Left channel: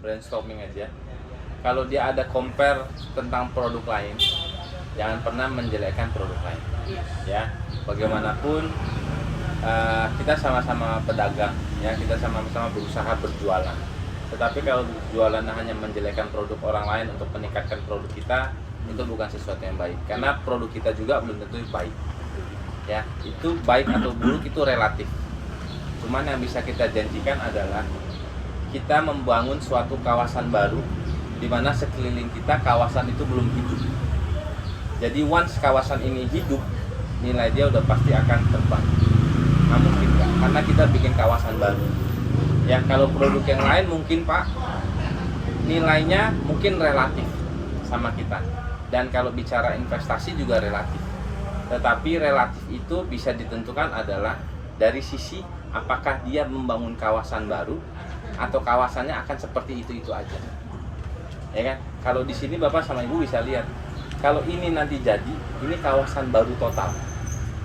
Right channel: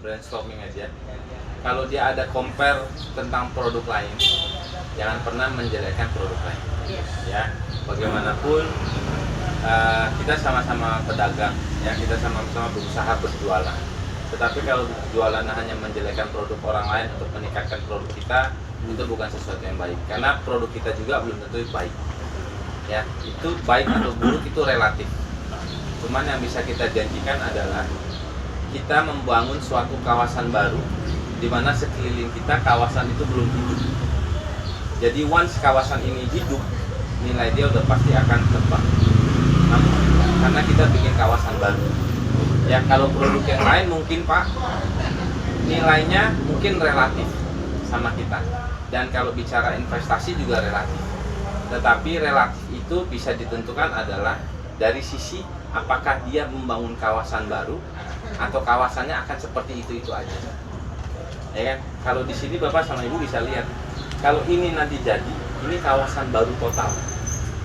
brainstorming aja. Kalau dia ada compare tentang produk lain, jangan pernah menjelekkan produk lain. Ya, bagaimanapun kita sama-sama pedagang, ya kita sama-sama berusaha berjualan. Tetapi kalau jualan hanya menjelekkan produk orang lain untuk meningkatkan produk kita, itu bukan sesuatu yang baik. Karena produk kita juga belum tentu baik. Ya, itu baik atau buruk itu relatif. Cuman yang bisa kita janjikan adalah kita membangun suatu kawasan baru di mana sekeliling kita kawasan itu belum hidup. Jadi once kawasan ini hidup, nilai dia udah pasti akan terbang. Namun kita, karena kita bikin kawasan baru. Ya kalau produk yang lain mungkin Pak nilainya mungkin relatif sama kita. Dan kalau bicara investasi juga relatif. Tetapi relatif itu bisa ditentukan adalah dari sisi apakah dia membangun kawasan baru atau kawasannya akan seperti itu aja. Ya kan? Kalau di sini Bapak sama Ibu bisa lihat, kalau ini nanti jadi, ini kawasan baru total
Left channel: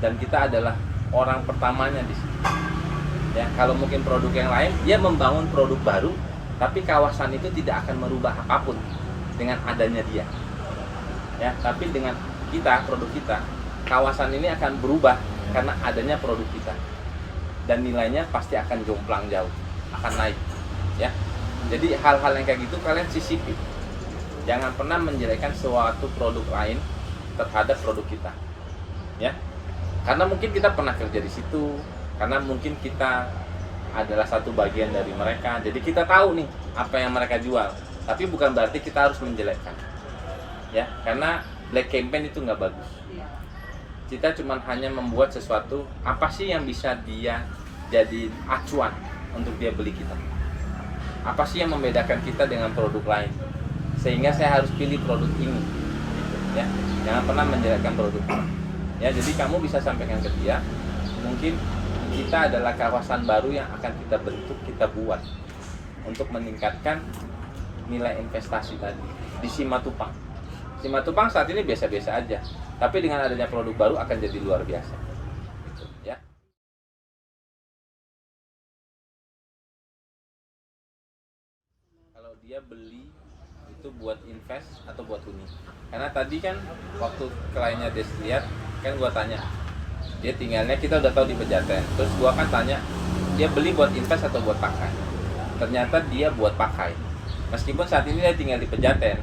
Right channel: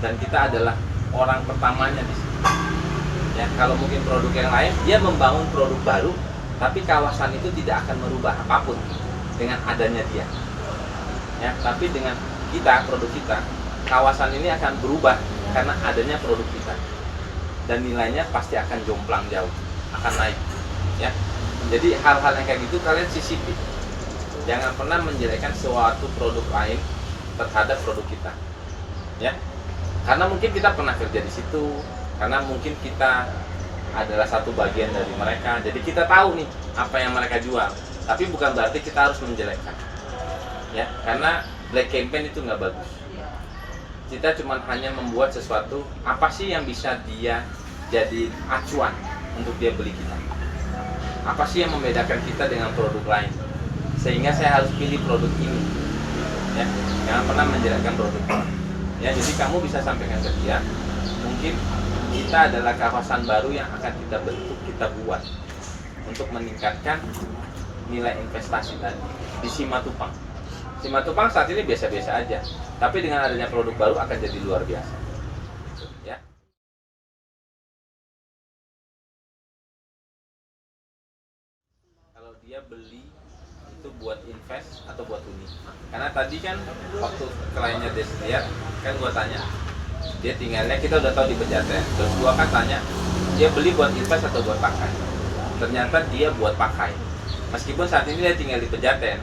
dan kita adalah orang pertamanya di sini. Ya, kalau mungkin produk yang lain, dia membangun produk baru, tapi kawasan itu tidak akan merubah apapun dengan adanya dia. Ya, tapi dengan kita, produk kita, kawasan ini akan berubah karena adanya produk kita dan nilainya pasti akan jomplang jauh, akan naik. Ya, jadi hal-hal yang kayak gitu kalian sisipi. Jangan pernah menjelekkan suatu produk lain terhadap produk kita, ya. Karena mungkin kita pernah kerja di situ, karena mungkin kita adalah satu bagian dari mereka, jadi kita tahu nih apa yang mereka jual. Tapi bukan berarti kita harus menjelekkan, ya. Karena black campaign itu nggak bagus. Kita cuma hanya membuat sesuatu apa sih yang bisa dia jadi acuan untuk dia beli kita. Apa sih yang membedakan kita dengan produk lain? Sehingga saya harus pilih produk ini. Ya, jangan pernah menjelekkan produk. Ya, jadi kamu bisa sampaikan ke dia, mungkin kita adalah kawasan baru yang akan kita bentuk, kita buat untuk meningkatkan nilai investasi tadi di Simatupang. Simatupang saat ini biasa-biasa aja, tapi dengan adanya produk baru akan jadi luar biasa. Ya. Kalau dia beli itu buat invest atau buat huni, karena tadi kan waktu kliennya lihat kan gua tanya dia tinggalnya, kita udah tahu di Pejaten, terus gua kan tanya dia beli buat invest atau buat pakai. Ternyata dia buat pakai, meskipun saat ini dia tinggal di Pejaten.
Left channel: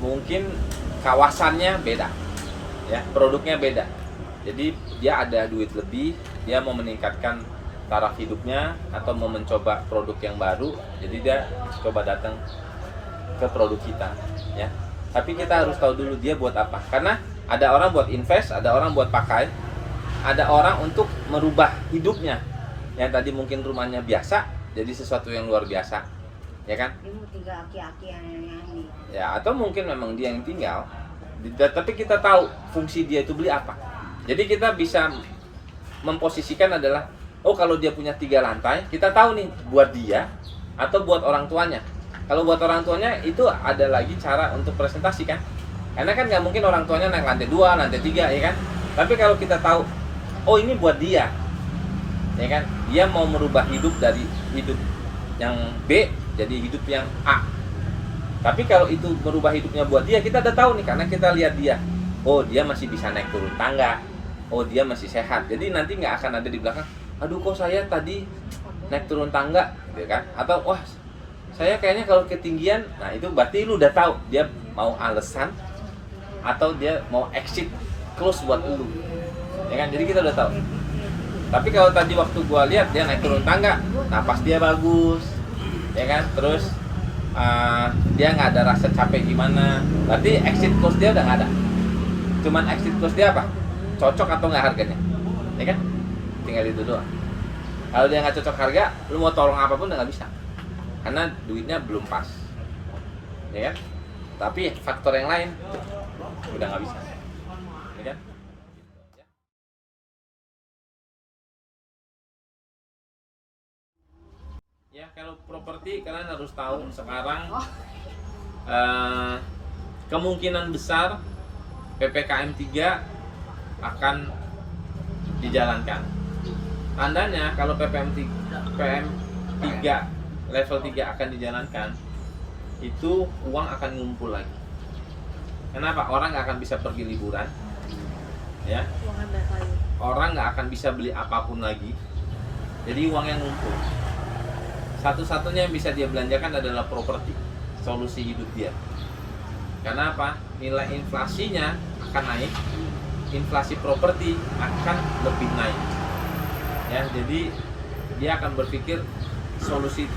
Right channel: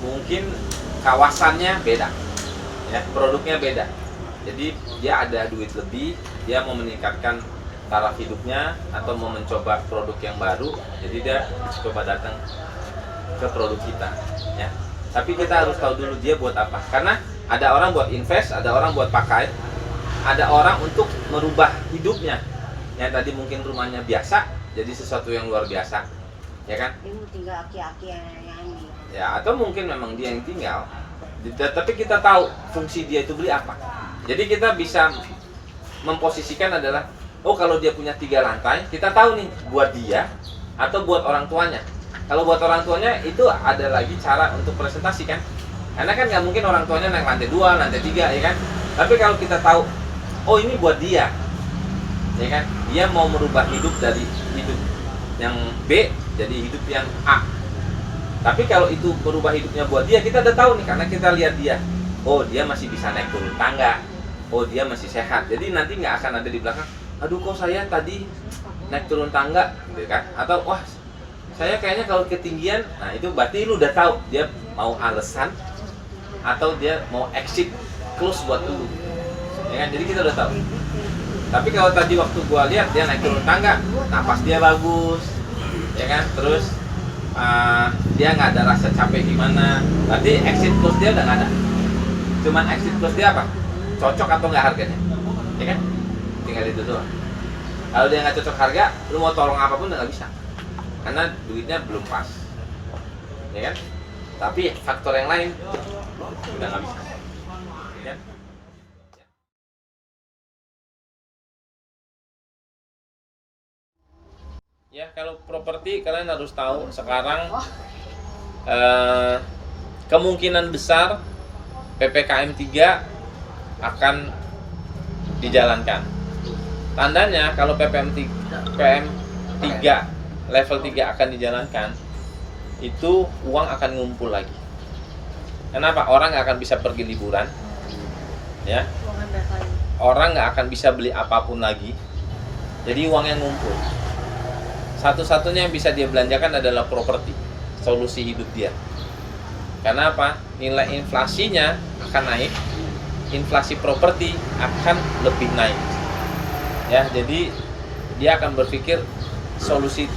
Mungkin kawasannya beda, ya produknya beda, jadi dia ada duit lebih, dia mau meningkatkan taraf hidupnya atau mau mencoba produk yang baru, jadi dia coba datang ke produk kita, ya. Tapi kita harus tahu dulu dia buat apa, karena ada orang buat invest, ada orang buat pakai, ada orang untuk merubah hidupnya. Yang tadi mungkin rumahnya biasa jadi sesuatu yang luar biasa, ya kan? Ini tinggal aki-aki yang nyanyi. Ya, atau mungkin memang dia yang tinggal, tapi kita tahu fungsi dia itu beli apa. Jadi kita bisa memposisikan adalah, oh kalau dia punya 3 lantai, kita tahu nih buat dia atau buat orang tuanya. Kalau buat orang tuanya itu ada lagi cara untuk presentasi kan, karena kan nggak mungkin orang tuanya naik lantai 2, lantai 3, ya kan. Tapi kalau kita tahu, oh ini buat dia, ya kan, dia mau merubah hidup dari hidup yang B jadi hidup yang A. Tapi kalau itu merubah hidupnya buat dia, kita udah tahu nih, karena kita lihat dia, oh dia masih bisa naik turun tangga, oh dia masih sehat. Jadi nanti nggak akan ada di belakang, aduh kok saya tadi naik turun tangga, gitu kan? Atau wah saya kayaknya kalau ketinggian. Nah itu berarti lu udah tahu dia mau alasan atau dia mau exit close buat lu, ya kan? Jadi kita udah tahu. Tapi kalau tadi waktu gua lihat dia naik turun tangga, napas dia bagus, ya kan? Terus dia nggak ada rasa capek gimana, berarti exit close dia udah nggak ada. Cuman exit close dia apa? Cocok atau nggak harganya, ya kan? Tinggal itu doang. Kalau dia nggak cocok harga, lu mau tolong apapun udah nggak bisa, karena duitnya belum pas, ya kan? Tapi faktor yang lain udah nggak bisa, ya kan? Ya kalau properti kalian harus tahu sekarang kemungkinan besar PPKM 3 akan dijalankan. Tandanya kalau PPKM 3 level 3 akan dijalankan, itu uang akan ngumpul lagi. Kenapa? Orang nggak akan bisa pergi liburan, ya. Orang nggak akan bisa beli apapun lagi. Jadi uangnya ngumpul. Satu-satunya yang bisa dia belanjakan adalah properti, solusi hidup dia. Karena apa? Nilai inflasinya akan naik, inflasi properti akan lebih naik. Ya, jadi dia akan berpikir solusi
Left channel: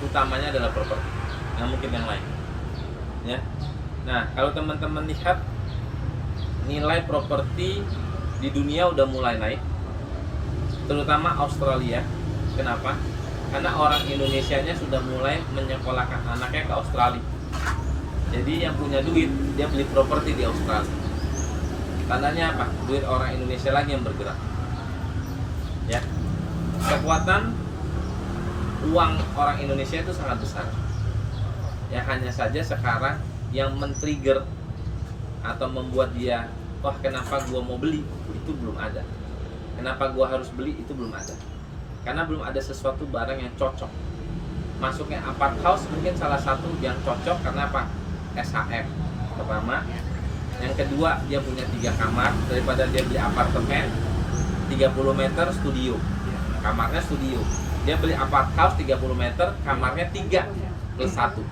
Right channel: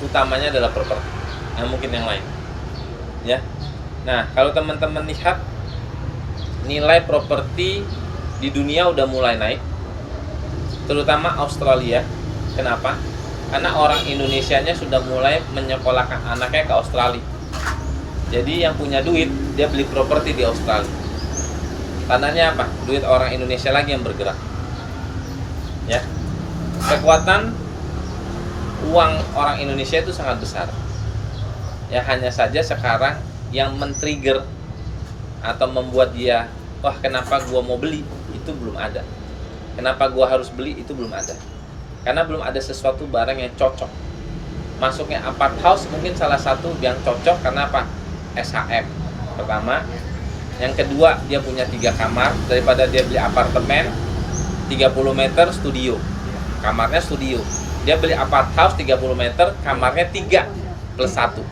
utamanya adalah properti, nggak mungkin yang lain. Ya. Nah, kalau teman-teman lihat nilai properti di dunia udah mulai naik, terutama Australia. Kenapa? Karena orang Indonesianya sudah mulai menyekolahkan anaknya ke Australia. Jadi yang punya duit, dia beli properti di Australia. Tandanya apa? Duit orang Indonesia lagi yang bergerak. Ya. Kekuatan uang orang Indonesia itu sangat besar. Ya, hanya saja sekarang yang men-trigger atau membuat dia, wah kenapa gua mau beli, itu belum ada. Kenapa gua harus beli, itu belum ada. Karena belum ada sesuatu barang yang cocok. Masuknya apart house mungkin salah satu yang cocok karena apa? SHM pertama. Yang kedua, dia punya 3 kamar. Daripada dia beli apartemen 30 meter studio, kamarnya studio. Dia beli apart house 30 meter, kamarnya 3 plus 1.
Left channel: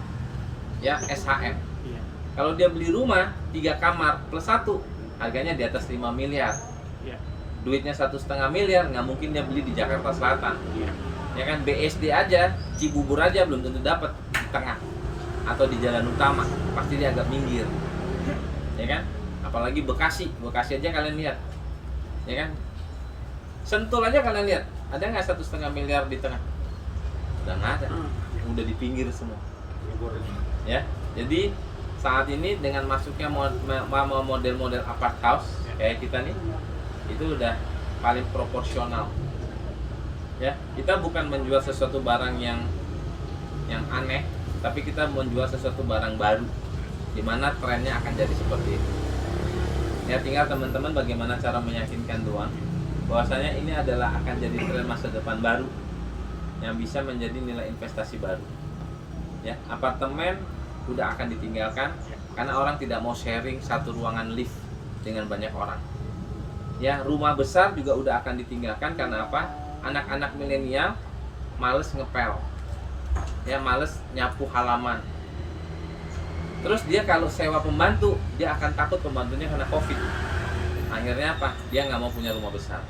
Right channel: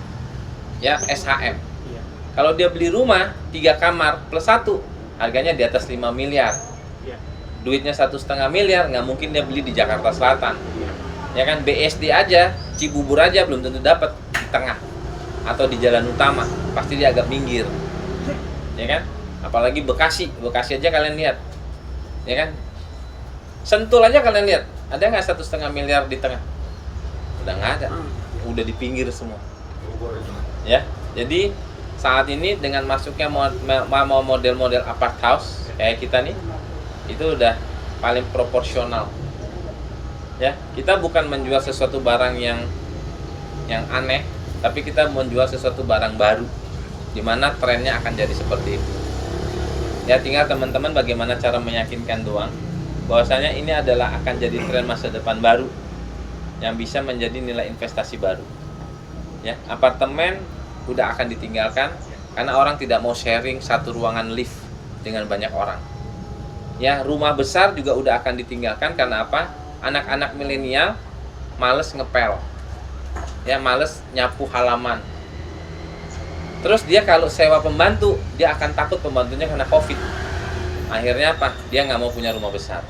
Ya, SHM. Kalau dia beli rumah 3 kamar plus 1, harganya di atas 5 miliar. Duitnya 1,5 miliar, nggak mungkin dia beli di Jakarta Selatan. Ya kan, BSD aja, Cibubur aja belum tentu dapat di tengah atau di jalan utama, pasti dia agak minggir. Ya kan? Apalagi Bekasi aja kalian lihat. Ya kan? Sentul aja kalian lihat, ada nggak 1,5 miliar di tengah? Udah nggak ada, udah di pinggir semua. Ya, jadi saat ini dengan masuknya model-model apart house kayak kita nih, itu udah paling proporsional. Ya, kita bukan menjual sesuatu barang yang aneh, tapi kita menjual sesuatu barang baru, di mana trennya akan jadi seperti itu. Ya, tinggal teman-teman bagaimana cara meyakinkan doang bahwasanya ini adalah akan jadi tren masa depan baru yang bisa menjadi nilai investasi baru. Ya, apartemen udah akan ditinggalkan karena orang tidak mau sharing satu ruangan lift dengan banyak orang. Ya, rumah besar juga udah akan ditinggalkan karena apa? Anak-anak milenial males ngepel. Ya, males nyapu halaman. Terus dia kalau sewa pembantu, dia akan takut pembantunya kena Covid. Akhirnya apa? Dia nggak mau punya rumah besar.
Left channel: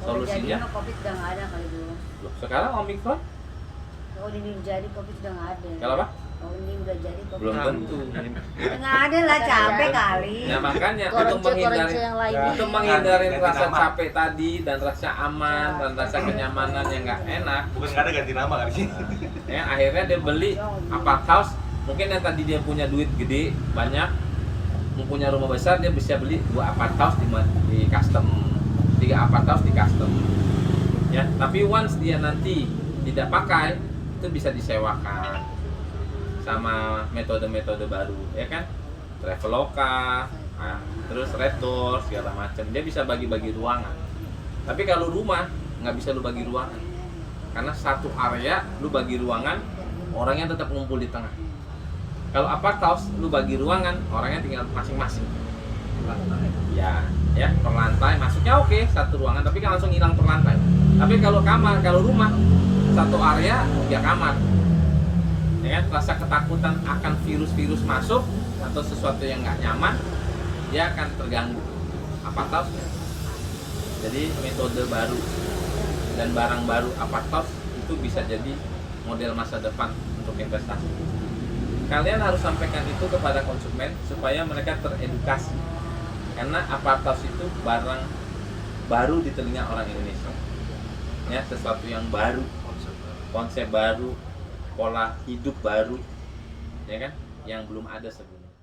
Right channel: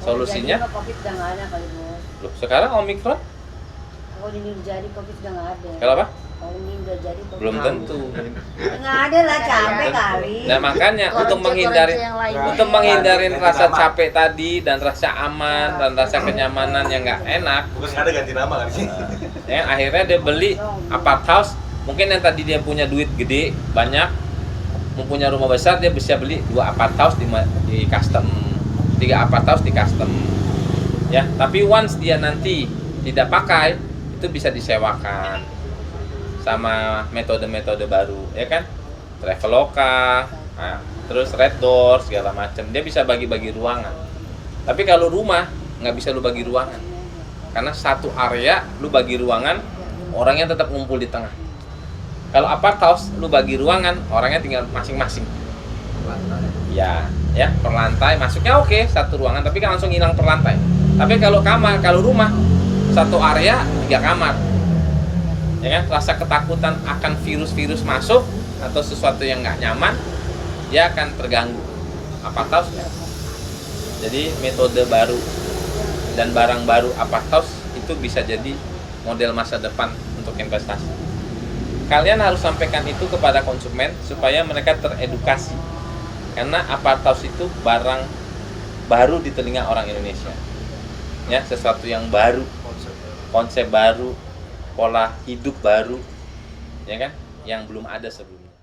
Solusinya? Jadi Covid udah nggak ada kali Bos. Loh, sekarang Omikron? Kalau ini jadi Covid udah nggak ada. Kalau apa? Kalau ini udah jadi Covid. Belum tentu. Nggak ada lah, capek kali. Nah, makanya untuk menghindarin rasa capek tadi dan rasa aman dan rasa kenyamanan yang nggak enak, Bukan nggak ada ganti nama kali sih. ya, akhirnya dia beli apart house. Mungkin yang tadi dia punya duit gede banyak, mempunyai rumah besar, dia bisa beli 2 apart house di custom, 3 apart house di custom. Ya, tapi once dia nanti tidak pakai, itu bisa disewakan sama metode-metode baru, ya kan? Traveloka, nah, terus Red Door segala macam. Dia bisa bagi-bagi ruangan. Tapi kalau rumah nggak bisa lu bagi ruangan, karena satu area lu bagi ruangan, orangnya tetap ngumpul di tengah. Kalau apart house lu bagi ruangan, orangnya tinggal masing-masing. Ya, per lantai masuknya oke, satu ruangan, tapi kan langsung hilang per lantai. Tapi kalau kamar, kalau rumah satu area 3 kamar. Ya kan, rasa ketakutan akan virus-virus masuk atau sesuatu yang nggak nyaman, dia akan terganggu. Apart house ya. Jadi metode baru dan barang baru apart house itu bisa jadi model masa depan untuk investasi. Kalian harus sampaikan itu kepada konsumen supaya mereka teredukasi. Karena apart house itu barang baru di telinga orang Indonesia. Ya, sesuatu yang baru, konsep baru, pola hidup baru, ya kan, yang belum ada sebelumnya.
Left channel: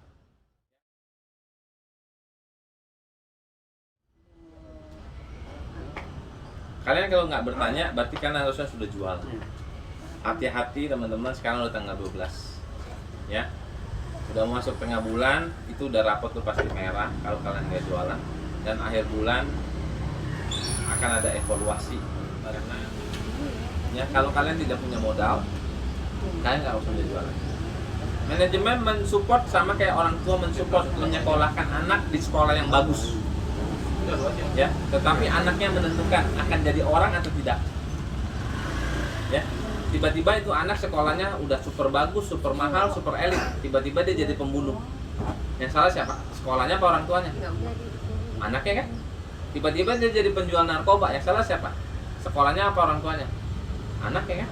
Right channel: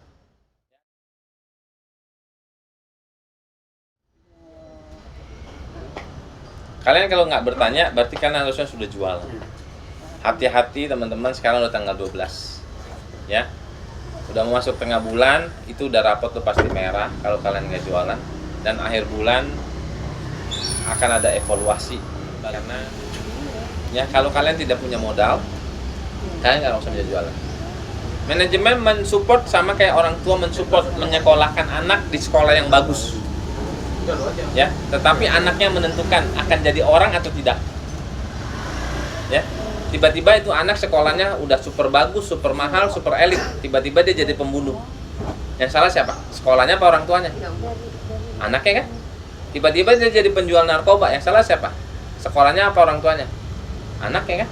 Kalian kalau nggak bertanya, berarti kalian harusnya sudah jual. Hati-hati teman-teman, sekarang udah tanggal 12. Ya, udah mau masuk tengah bulan, itu udah rapot tuh pasti merah kalau kalian nggak jualan. Dan akhir bulan akan ada evaluasi karena Ya, kalau kalian tidak punya modal, kalian nggak usah bisa jualan. Manajemen mensupport sama kayak orang tua mensupport menyekolahkan anak di sekolah yang bagus. Ya, tetapi anaknya menentukan akan jadi orang atau tidak. Ya, tiba-tiba itu anak sekolahnya udah super bagus, super mahal, super elit, tiba-tiba dia jadi pembunuh. Yang salah siapa? Sekolahnya apa orang tuanya? Anaknya kan? Tiba-tiba dia jadi penjual narkoba, yang salah siapa? Sekolahnya apa orang tuanya? Anaknya kan?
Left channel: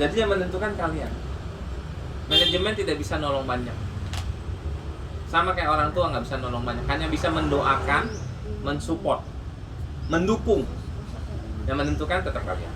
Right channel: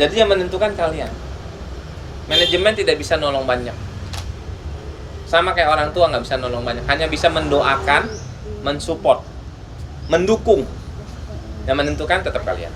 Jadi yang menentukan kalian. Manajemen tidak bisa nolong banyak. Sama kayak orang tua nggak bisa nolong banyak, hanya bisa mendoakan, mensupport, mendukung. Yang menentukan tetap kalian.